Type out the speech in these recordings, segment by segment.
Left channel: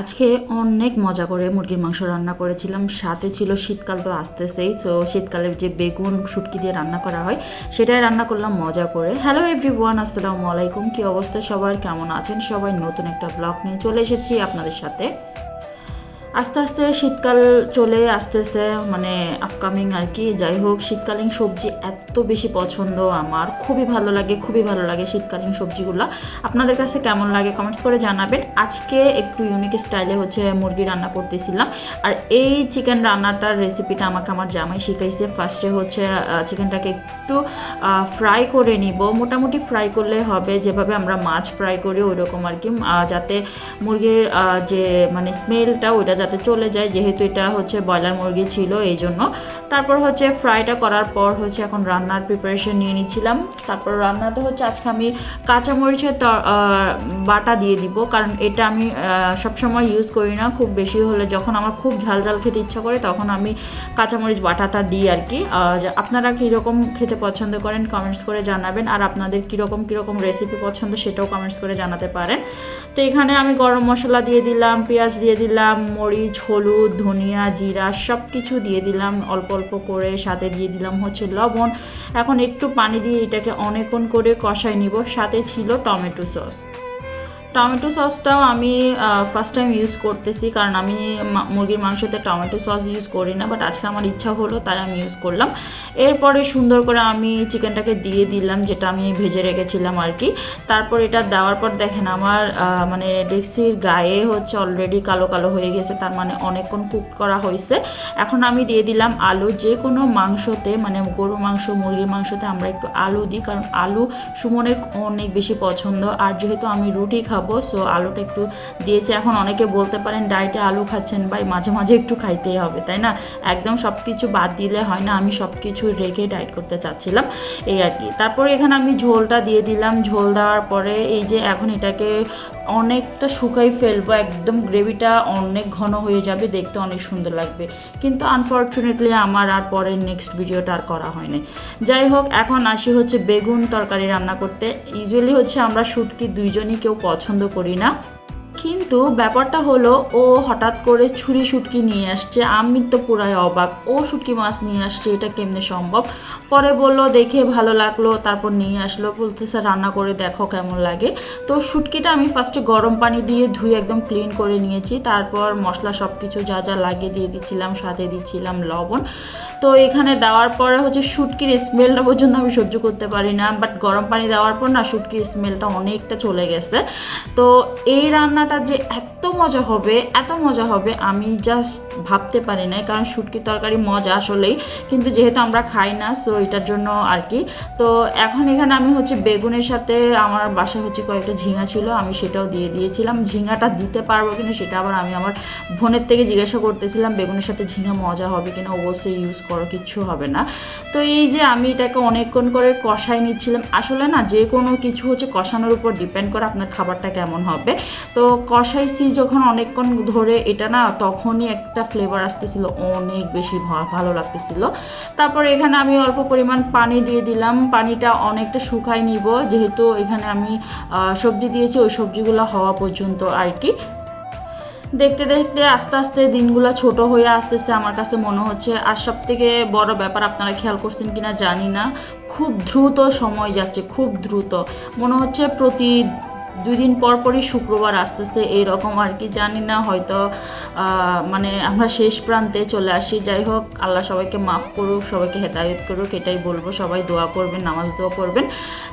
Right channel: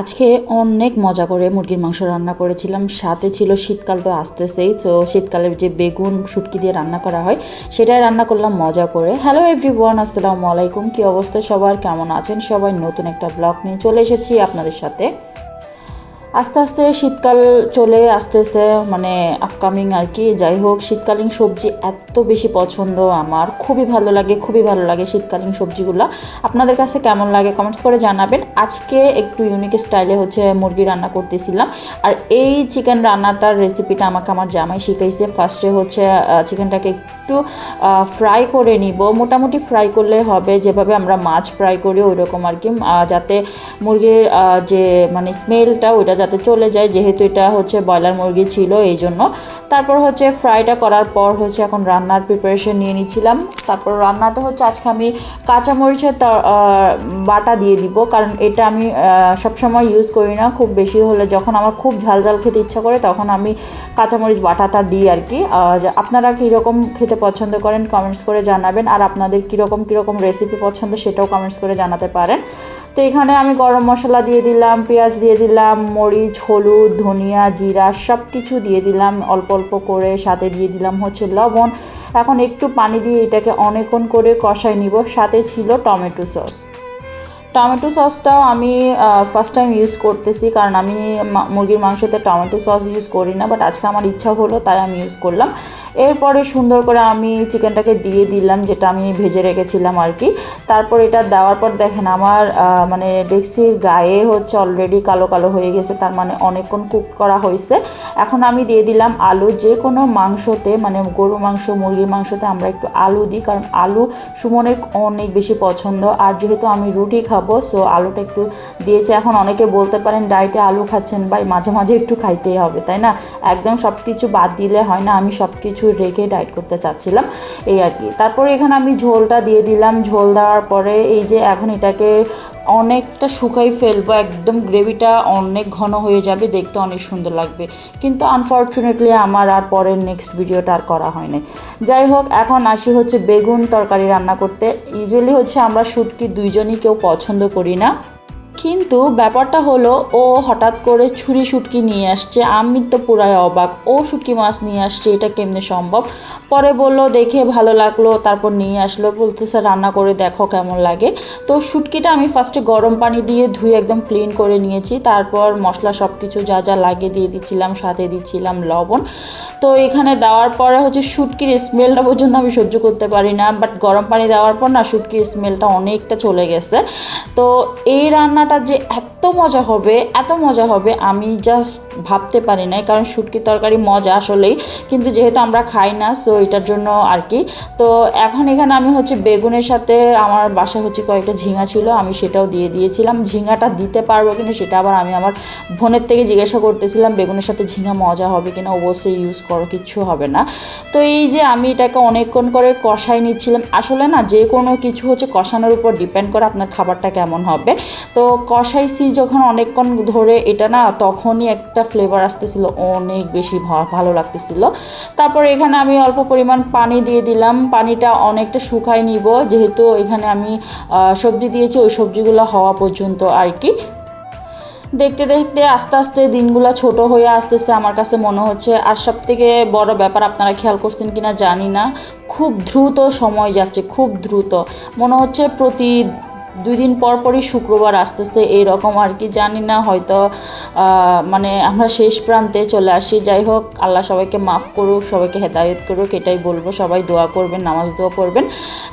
আজকে অনেক মজা করে মুরগির মাংস রান্না করেছিলাম। সাথে ছিল শীতকাল তো আসতেছেই, তো শীতকালের যে বেগুন শুটকি দিয়ে রান্না করা হয়, সেটাই রান্না করলাম মজা করে। হ্যালো এভরিওয়ান আসসালামু আলাইকুম। কী অবস্থা সবার? কেমন আছেন? সবাই নতুন একটা ব্লগ নিয়ে চলে এসেছি আপনাদের সাথে। আস্তে আস্তে শীতকাল চলে আসতেছে মানে আপকামিং আর কি। যাই হোক, শীতকালীন সবজি এত বেশি পছন্দ আমার। খুবই ভালো লাগে, খুবই ভালো লাগে শীতকালীন সবজিগুলো। আপনাদের কাছে কেমন লাগে কমেন্টস করে জানাবেন। আজকে একটু ইউনিক স্টাইলে হচ্ছে মুরগি রান্না করতেছিলাম। আর এই চিকেন রান্নাটার রেসিপিটা আমাকে আমার জামাই শিখাইছে। ফার্স্টে হচ্ছে চিকেনটাকে একটু ফ্রাই করে নিব। মোটামুটি ফ্রাই করলে হবে। যেভাবে আমরা মাছ ফ্রাই করি ওই রকম আর কি। যাতে মুরগির যে মানে স্মেলটা ওইটা যাতে চলে যায়, যেহেতু এটা হচ্ছে ব্রয়লার মুরগি ছিল এই জন্য তারপর হচ্ছে ফ্রাইটা করার পর হচ্ছে এখন রান্নার প্রিপারেশন নিয়ে নিচ্ছিলাম। তারপর রান্নাতে হচ্ছে আজকে আমি কাঁচামরিচের বাটা দিয়ে দিব, কারণ এটা আমি সবসময় ইউজ করি না। খুব বেশি হলে যখন আমার খুব ঝাল ঝাল খেতে ইচ্ছা করে তখন আমি কাঁচামরিচ বাটাটা দিই আর কি। আপনারা কীরকম খেতে পছন্দ করেন কমেন্টস করে জানাবেন, আর আপনাদের কীরকম কীরকম রেসিপি পছন্দ সেটাও কমেন্টস করে জানাতে পারেন। তো এখানে আমি গরম মশলা দিয়ে দিলাম, পেঁয়াজ দিয়ে দিলাম মরিচ, হলুদ, ধনিয়া, জিরা সব কিছু দিয়ে দিলাম। অল্প অল্প করে সাথে দিয়ে দিলাম হচ্ছে লবণ। এখন একটু পানি দিয়ে এটাকে অনেকক্ষণ করে কষাই নিব। সাথে ছিল টমেটো সস। টমেটো সসটাও আমি ফার্স্ট টাইম ইউজ করতেছি। কারণ আমি মুরগির মাংসতে টমেটো সস ইউজ করি না বাট আজকে আমার ইচ্ছা হলো, তাই আমি ইউজ করলাম। এরপরে সুন্দর করে আমি চিকেনটাকে দিয়ে দিলাম, যেটা আমি ভেজে রেখেছিলাম আর কি তারপর এটা দেওয়ার পর দেখেন আমার মানে ডেক্সির গায়ে হচ্ছে অলরেডি কালো কালো হয়ে গেছে, তার মানে অনেকক্ষণ কুক করা হয়েছে। এখন আমি দিয়ে দিলাম আলু, যে কোনো মাংসতে মানে গরু মাংস, মুরগির মাংসতে আমরা একটু আলু দিই, কারণ আলু সুমনের অনেক বেশি পছন্দ। আর যেহেতু আমি রুটি খাব সো আলুটা একটু দিয়েছি। এখন অনেকে বলতে পারেন, ডায়েটে আলু খাচ্ছেন বা মাঝে মাঝে একটু খাইতেই হবে, তাই না? একদম সব কিছু বাদ দিলে হয় না। আমি সব কিছু রেখে ডায়েট করতে চাচ্ছিলাম, এই আর কি। তারপরে এখানে আমি ঝোলটা দিয়ে দিলাম। ঝোল দেওয়ার পরে এই যে এখন এটাকে অনেকটা শুকাই ফেলব, একদম গ্রেভিটা অনেক ঘন হয়ে যাবে, দেখতে অনেক সুন্দর লাগবে। কিন্তু আনফর্চুনেটলি আমার আর পরের নেক্সট ভিডিওটা আর করা হয়নি যাই হোক, এখন আসি হচ্ছে বেগুন তরকারি রান্না করতে। ইউজুয়ালি হচ্ছে আমরা শুটকি দুইজনই কেউ পছন্দ করি না। কিন্তু ব্যাপারটা হলো, ও হঠাৎ করে ছুরি শুটকি নিয়ে আসছে। আমি তো পুরাই অবাক। ও শুটকি মাছ নিয়ে আসছে, এটা কেমনে সম্ভব? পরে বলল, দেখে ভালো লাগল। তারপর নিয়ে আসলো, বলতেছে রান্না করে দেখো কেমন লাগে। তো শুটকিটা আমি ফার্স্টে গরম পানি দিয়ে ধুয়ে একদম ক্লিন করে নিয়েছি। তারপর মশলা সব কিছু যা যা লাগে দিয়ে দিচ্ছিলাম, সাথে দিচ্ছিলাম লবণ। তো এখানে দেওয়ার পরে হচ্ছে শুটকির স্মেলটা পর্যন্ত আমি সহ্য করতে পারি না। বাট গরম পানি দেওয়ার পর না, শুটকির স্মেলটা অনেকটা চলে গেছে। তো এই রান্নাটা যে এত মজা হবে, এত মজা হবে, আমি জাস্ট ভাবতে পারি নাই। কারণ শুটকি তরকারি মজা আসলেই, কিন্তু যেহেতু আমরা খাই না সো এটার জন্য আর কি। তো এখন এখানে আমি হচ্ছে বেগুনের সাথে আমার বাসায় হচ্ছে কয়েকটা ঝিঙা ছিল, আমি সেটাও দিয়ে দিয়েছিলাম। ঝিঙাটা দিতে পারব কিনা সেটা আবার আমি আমার বোনের থেকে জিজ্ঞাসা করতেছিলাম, বেগুনের সাথে ঝিঙা মজা হবে কিনা? অবশ্যই ইউজ করো কিচ্ছু হবে না। তো এই যে আমি এটাকে অনেকক্ষণ করে কষাই নিচ্ছিলাম। আসলে না, যে কোনো কিছু হচ্ছে কষানোর উপর ডিপেন্ড করে আপনার খাবারটা কেমন হবে। তো কষাইছি যখন অনেকক্ষণ ধরে এটা না, তখনই একটা ফ্লেভার আসতেছিল, অনেক বেশি ভালো লাগতেছিল। তারপর এখানে আমি অল্প পরিমাণ পানি দিয়ে দিলাম। পানিটা অনেকটা শুকাই নিব, যেহেতু এখানে আমি সবজি দিয়েছি, ওই সবজিগুলো হওয়া পর্যন্ত আর কি। দেখতে দেখতে, আস্তে আস্তে দিনগুলো ছোট হয়ে আসতেছে আমার কাছে মনে হচ্ছে। আর সব থেকে বড় ব্যাপার, আপনারা খেয়াল করছেন কিনা জানি না। খুব দ্রুত সময় যাচ্ছে, খুব দ্রুত। মনে হচ্ছে প্রতি দুই দিন পর পরই শুক্রবার আসতেছে এইরকম আর কি, জানি না, হয়তো মানে আমরা শেষ প্রান্তে চলে আসি। যাই হোক, আল্লাহ সবাইকে মাফ করুক, সবাইকে হেদায়ত করুক, এটাই বলব। সবাই দোয়া করবেন, নামাজ দোয়া করবেন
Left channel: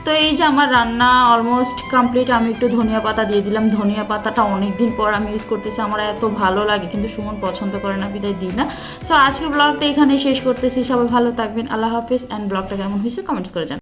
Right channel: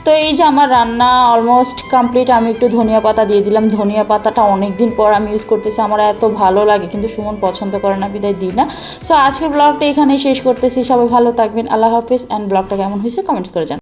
তো এই যে আমার রান্না অলমোস্ট কমপ্লিট আমি একটু ধনিয়া পাতা দিয়ে দিলাম। ধনিয়া পাতাটা অনেক দিন পর আমি ইউজ করতেছি, আমার এত ভালো লাগে, কিন্তু সুমন পছন্দ করে না, বিদায় দিই না। সো আজকের ব্লগটা এখানেই শেষ করতেছি, সবাই ভালো থাকবেন, আল্লাহ হাফিজ অ্যান্ড ব্লগটা কেমন হয়েছে কমেন্টস করে জান